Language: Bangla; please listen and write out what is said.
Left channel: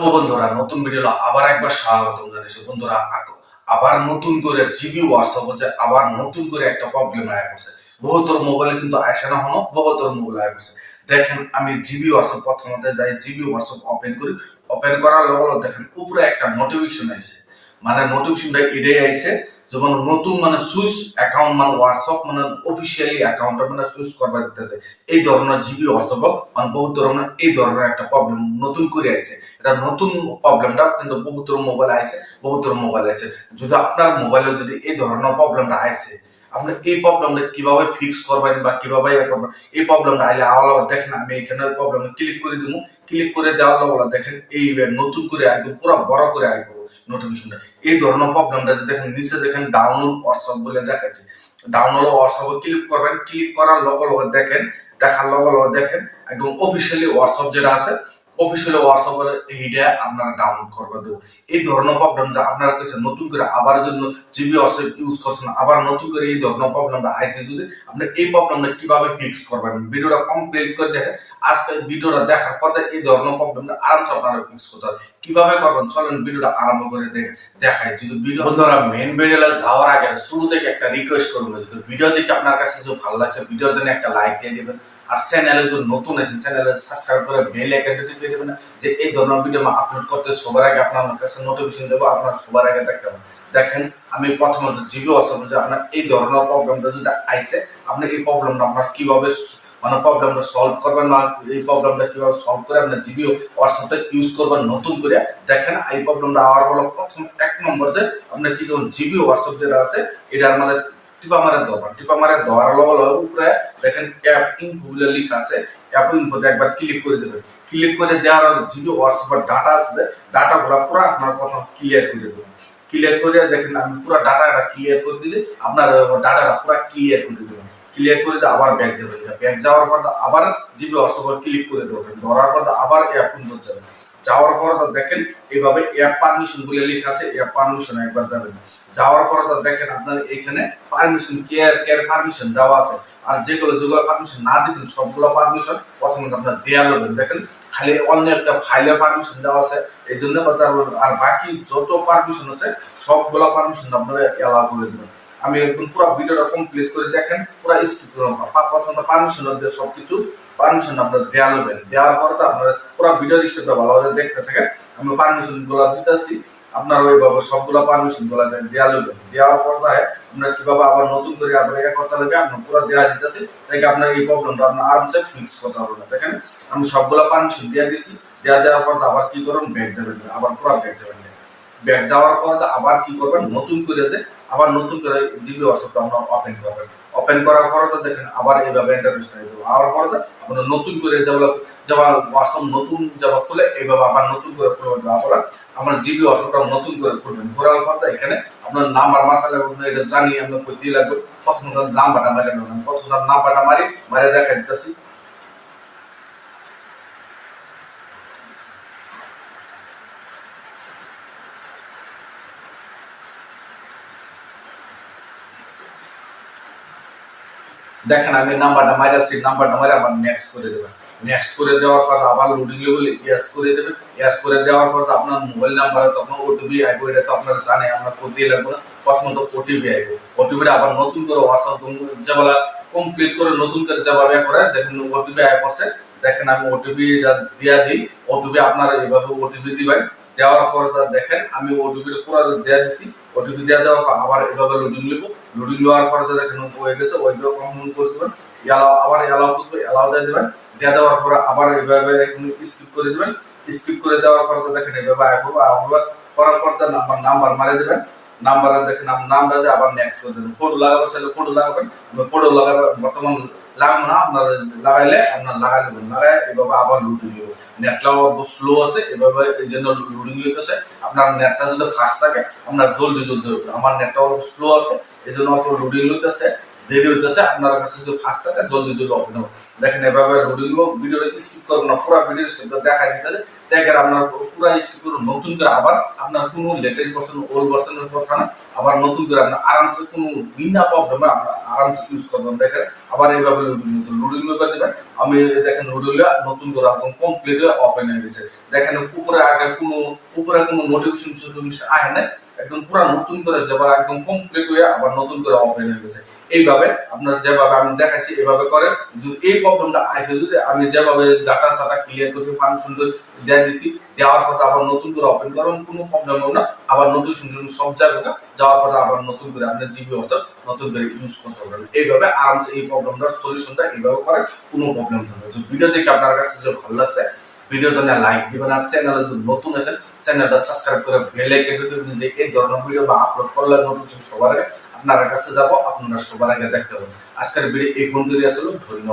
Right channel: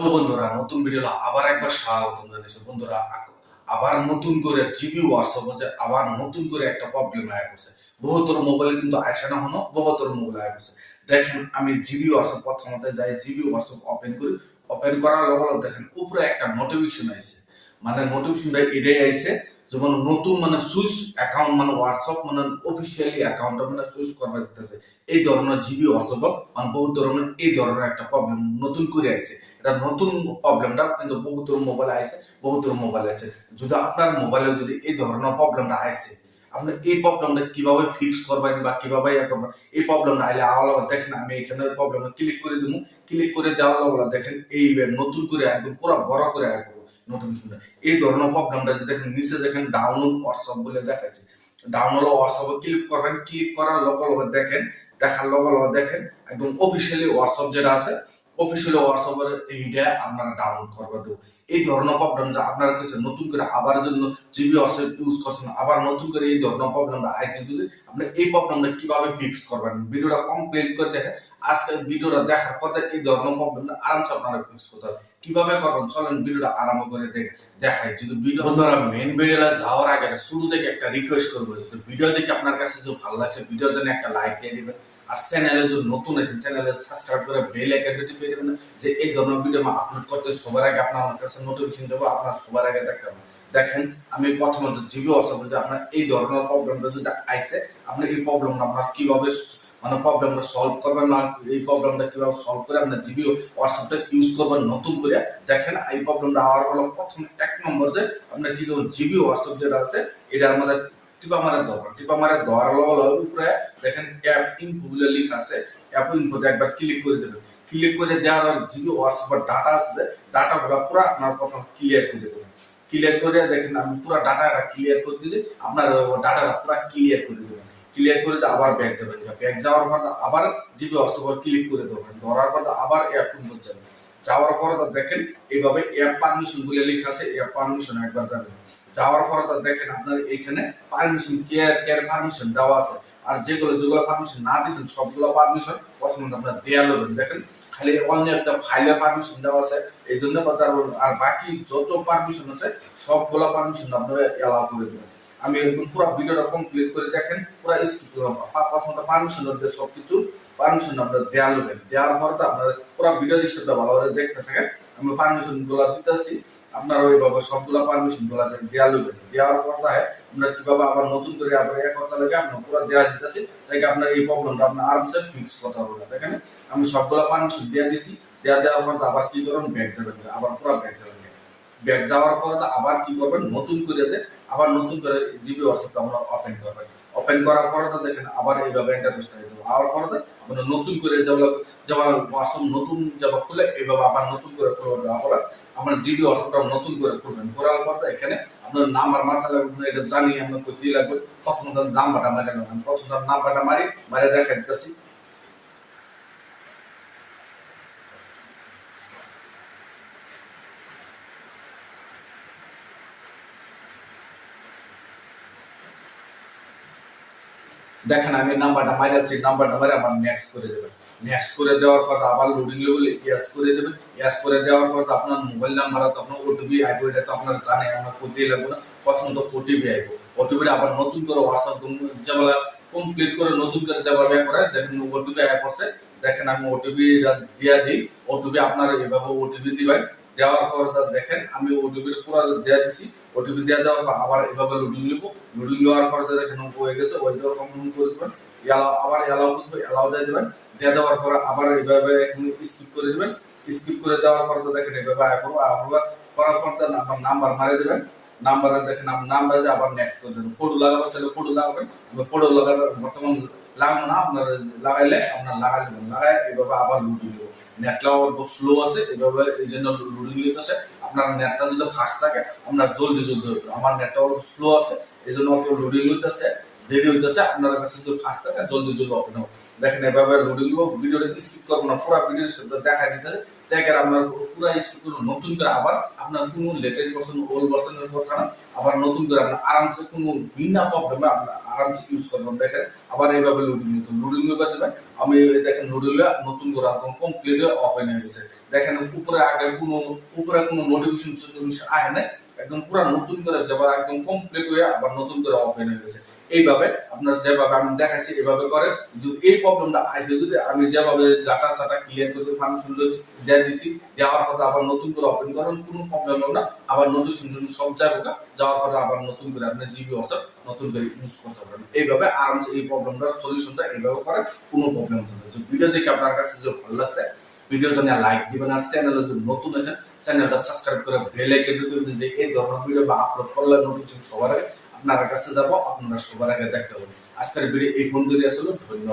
তো বন্ধুরা নতুন ভিডিও আবার একবার স্বাগতম জানাইছি। বন্ধুরা আবার নতুন করে জিবি হোয়াটসঅ্যাপ হচ্ছে আবার নতুন করে একটা প্রবলেম আয়া করছে। বহুতর মোবাইলে কিন্তু আসে না হনো, বহুতর মোবাইল আয়া করছে। দেখেন আমি জিবি হোয়াটসঅ্যাপ প্রথমতে যাই, জিবি হোয়াটসঅ্যাপ ওপেন করি। ওপেন করার লগে লগে দেখেন উপরে একটা নোটিফিকেশন আইছে। মানে নোটিফিকেশনটা এটাই আইছে যেমন নতুন মানে সুইচ অ্যাকাউন্ট মানে হোয়াটসঅ্যাপ মানে অফিসিয়ালি অ্যাকাউন্টটা মানে সুইচ করবা দিতেছে। এই ধরনের জিবি হোয়াটসঅ্যাপ মানে বহুত ধরনের এই ধরনের একটা প্রবলেম নতুন করে আইছে। এটা নতুন প্রবলেমটা কিন্তু বহুতর মোবাইল আইছে, বহুতর মোবাইল আছে। যদি আপনার মোবাইলে যদি এই ধরনের প্রবলেমটা আইছে, আপনি এই প্রবলেমটা কিভাবে ফিক্স করবেন বা কিভাবে করবেন, এই প্রবলেমটা আইলে আলাদা দেখেন আমি এখানে প্রবলেমে ক্লিক করে দিব। ক্লিক করে দেওয়ার লগে দেখেন এই নতুন করে একদম পুরো বড় করে আয় করবো নোটিফিকেশনটা। এই ধরনের প্রবলেমটা যে দেখেন নিচে দেখেন ডাউনলোড হোয়াটসঅ্যাপ বলে দেখাচ্ছে। ডাউনলোড হোয়াটসঅ্যাপে ক্লিক করবেন, ক্লিক করার লগে লগে দেখেন, দেখার লগে লগে দেখেন একদম অফিসিয়ালি হোয়াটসঅ্যাপ যেটা আছে অফিসিয়াল হোয়াটসঅ্যাপের এইটা আপনারা ডাউনলোড করবে দেবো। এই ধরনের প্রবলেমটা আপনার কাছে নতুন করে আবার জন্য জিবি হোয়াটসঅ্যাপ ইউজ করছেন, আবার নতুন করে এই ধরনের প্রবলেমটা আইছে, যদি আপনি এই প্রবলেমটা কিভাবে ফিক্স করবেন ভিডিওটা কমপ্লিট করে দেখেন। আজকে ভিডিওটা দেখার পর এই ধরনের প্রবলেমটা আরামসে আপনারা ফিক্স করতে হবে। কিভাবে করবেন চলেন ভিডিওটা আরম্ভ করে দেখাই। যদি ভিডিও বন্ধুরা মেইন ভিডিওটা যাওয়ার আগে শুরু থেকে একটা রিকোয়েস্ট করবো, যদি ভিডিও দেখে আপনার কাছে যদি ভালো লাগছে ভিডিওর জন্য একটা লাইক দিয়ে দিবেন। আর চ্যানেলে যদি নতুন আছেন চ্যানেলে সাবস্ক্রাইব করে বেল আইকনটি পেয়ে দেবেন, যে এই ধরনের ভিডিও আপলোড করতে সবার আগে আপনার কাছে নোটিফিকেশন দেবো, আপনার সবার আগে দেখতে পাবেন। দেখেন আমি প্রথমত জিবি হোয়াটসঅ্যাপ যে আপনার এই ধরনের প্রবলেমটা যদি আইছে, আপনি এই প্রবলেমটা আপনার কিভাবে মানে প্রবলেমটা সলভ করবেন না, এই প্রবলেমটা কিভাবে সলভ করে আপনার জিবি হোয়াটসঅ্যাপটা ইউজ করবেন নতুন করে। দেখেন এই প্রবলেমটা আবার বলো প্রথম এক নম্বর যে আপনার কি করুন, জিবি হোয়াটসঅ্যাপ যেটা আছে এটার মধ্যে টিপা মারা ধরবেন। টিপা মারা ধরার লগে লগে উপরে দেখেন অ্যাপ ইনফো বলে লেখা আছে। অ্যাপ ইনফোতে একবার ক্লিক করে দেবেন। ক্লিক করে দেওয়ার জিবি হোয়াটসঅ্যাপের ডাটা আছে, ডাটাগুলো পুরো আপনার প্রথম ক্লিয়ার করে দেবেন। ক্লিয়ার করে দেখেন আমি পুরো ডাটাটা ক্লিয়ার করে দিয়েছি, আপনার ডাটাটা পুরো ক্লিয়ার করে দেবেন। ক্লিয়ার করে আবার ব্যাক যাবেন। ব্যাক যাওয়ার পর আবার জিবি হোয়াটসঅ্যাপে ক্লিক করে দেবেন। ধরার পর আবার অ্যাপ ইনফো যাবেন। যাওয়ার পর দেখেন এইভাবে অ্যাপ পারমিশন বলে লেখা আছে, অ্যাপ পারমিশন একবার যাবেন। যাওয়ার পর দেখেন আপনার এখানে পারমিশন কেয়ার পারমিশন দেওয়া আছে। আর যেগুলো যেগুলো পারমিশন না দিয়েছেন সবগুলো পারমিশন প্রথমে আপনার দেওয়া নেবেন। দেখেন খালি অন্য একটা ফাইলের পারমিশন দেওয়া আছে, এই জন্য আর বাকি যত পারমিশন আছে সবগুলো পারমিশন আপনারা এলাও করে দেবেন। আমি একদম পুরো ভিডিওটা কমপ্লিট করে দেখেন, পুরো স্কিপ করুন। প্রথমত পারমিশন দিয়ে সবকিছু পারমিশন আপনার দেওয়া নেবেন। দেওয়ার পরে তো আপনার পুরো ভিডিও স্টেপটা ভালোভাবে দেখতে থাকেন। আমি পারমিশন গুলো দিতেছি, আপনারা ওইভাবে সবগুলো পারমিশন গুলো দেওয়া নেবেন। দেওয়ার পর আপনার কিভাবে আবার নতুন করে আবার করতে লাগে আপনার পুরো দেওয়া দিতেছি, তাই আপনার এই প্রবলেমটা আপনার আরামসে ফিক্স করতে হবে না। দেখেন আমি সবগুলো পারমিশন দিয়ে দিছি। দেওয়ার পর আবার কি করবেন, ব্যাক যাবেন, আবার পুরো ব্যাক যাবেন। ব্যাক যাওয়ার পর আবার কি করবেন, নতুন করে যে আবার নতুন করে জিবি হোয়াটসঅ্যাপটা আপনারা ওপেন করবেন। ওপেন করার পরে তো দেখেন আবার এইভাবে ইন্টারফেসটা হয়ে যাবে। আবার পরে আপনারা নতুন করে যাবা হোয়াটসঅ্যাপ নতুন যাবা খুলে এইভাবে আবার নতুন করে খুলবেন। আবার আমার জিবি হোয়াটসঅ্যাপটা নতুন করে খুলবেন। খোলার পর এখানে আপনার নাম্বার মারতে লাগবে, এটা জানি আমরা কইতেই লাগবে। প্রথম নাম্বারটা মারি নেবেন। প্রথম নাম্বারটা মারি দেখা দিতেছি। দেখেন আমি নাম্বারটা মারাচ্ছি, নাম্বারটা মারে আবার নেক্সট করে দেবেন। নেক্সট করে দেওয়ার পর আবার লোডিং লেভেল ইয়েস করে দেবেন। ইয়েস করে দেওয়ার পর আপনার মোবাইল নাম্বার তখন ওটিপি আইবো, এটা তো আপনারা জানেন, আমরা করতেই লাগবে না। প্রথমত ওটিপি আইবো, ওটিপিটা আবার নতুন করে হোয়াটসঅ্যাপ যেগুলা কমপ্লিট করে নতুন করে যেভাবে করে দেখেন ওটিপি আই পড়ছে। দেখেন আমি ওটিপি দিয়া দিই। ওটিপি আপনারা এইভাবে ওটিপি দিবেন। দেওয়ার পর দেখেন আমি ওটিপি পুরো দেওয়া দিছি। ওটিপি দেওয়া দেওয়ার পর আবার এভাবে লোডিং নেবো। লোডিং নেওয়ার পরে দেখেন হয়ে গেছে, ওইটাও কমপ্লিট করে দেবেন। আবার এলাও করবে, এলাও দিয়ে দেবেন। দিয়ে দেওয়ার পরে আবার এইভাবে স্কিপ করে দেবেন। স্কিপ করে দেওয়ার পরে দেখেন এইভাবে আয় করবো। আবার করার পর নাম্বার মারে দেবেন। নাম্বার দেখেন নামটা যে আবার নেক্সট করে দেবেন। ফটো লাগাবেন তাহলে ফটো লাগাবেন, ফটো লাগাবেন বর্তমান লাগবে না, আপনার লাগাইলে আপনার লাগাই দেবেন। লাগাই এইভাবে আবার লুডিং নেব। নেটটাও স্লো আছে, এভাবে এই জন্য লোডিং লিখতেছে। আপনার নেটটা যদি ফাস্ট থাকে আপনার জলদি হবে। আমার নেটটাও স্লো আছে, এই জন্য অত লোডিং লিখতেছে, দেরি হইতেছে। আপনার কাছে যদি ফাস্ট থাকে জলদি ওপেন হবে। দেখেন এভাবে লোডিং ভিডিওটা স্কিপ করবো না, পুরো ভিডিও দেখাই দিতেছে। দেখেন আপনার পুরো স্ক্রিপ্ট নতুন করে আবার আপনার কোনো লেটেস্ট ভার্সন ওল্ড ভার্সনের কথা না, আবার নতুন করে আপনার আরামসে কোনো বিনা প্রবলেমে আপনার আরামসে ইউজ করবেন। দেখেন আবার এইভাবে লুডিং ব্যাপার দেবেন। আমি দেখেন লুডিংটা নতুন করে একদম কমপ্লিট ওপেন হয়ে গেছে। দেখেন উপরে কোনো নোটিফিকেশন আসে না, একদম পুরো নতুন করে যাবা একদম কমপ্লিট হয়ে আবার নতুন করে ওপেন হয়ে গেছে। এইভাবে আপনার যেভাবে আমি দেখাচ্ছি এভাবে করেন। যদি এই প্রবলেমটা আসে, যদি আমি যেভাবে ডাটা সাটা ক্লিয়ার করছি পারমিশন দিয়ে দিচ্ছি, দেওয়ার পর আবার নতুন করে ওপেন করেন, কোনো প্রবলেম হবে না। আবার নোটিফিকেশন সব জায়গায় যাওয়ার পর আবার নতুন করে আপনার জিবি অর্থাৎ নতুন করে ইউজ করতে পারবেন। এইভাবে আরামসে এই প্রবলেমটার সলিউশনটা এইভাবে করেন, কোনো প্রবলেম হবে না। যদি ভিডিও দেখে আপনার কাছে যদি ভালো লাগছে, ভিডিওর জন্য লাইক দিবেন, আর চ্যানেলে যদি নতুন আছেন চ্যানেলটা সাবস্ক্রাইব করে বেল আইকন দিবেন, যে এই ধরনের ভিডিও বা আপলোড করলে নোটিফিকেশন সবার আগে আপনার কাছে যাব, আপনারা সবার আগে দেখতে পাবেন। আজকের ভিডিও এই পর্যন্তই আসলে, ধন্যবাদ।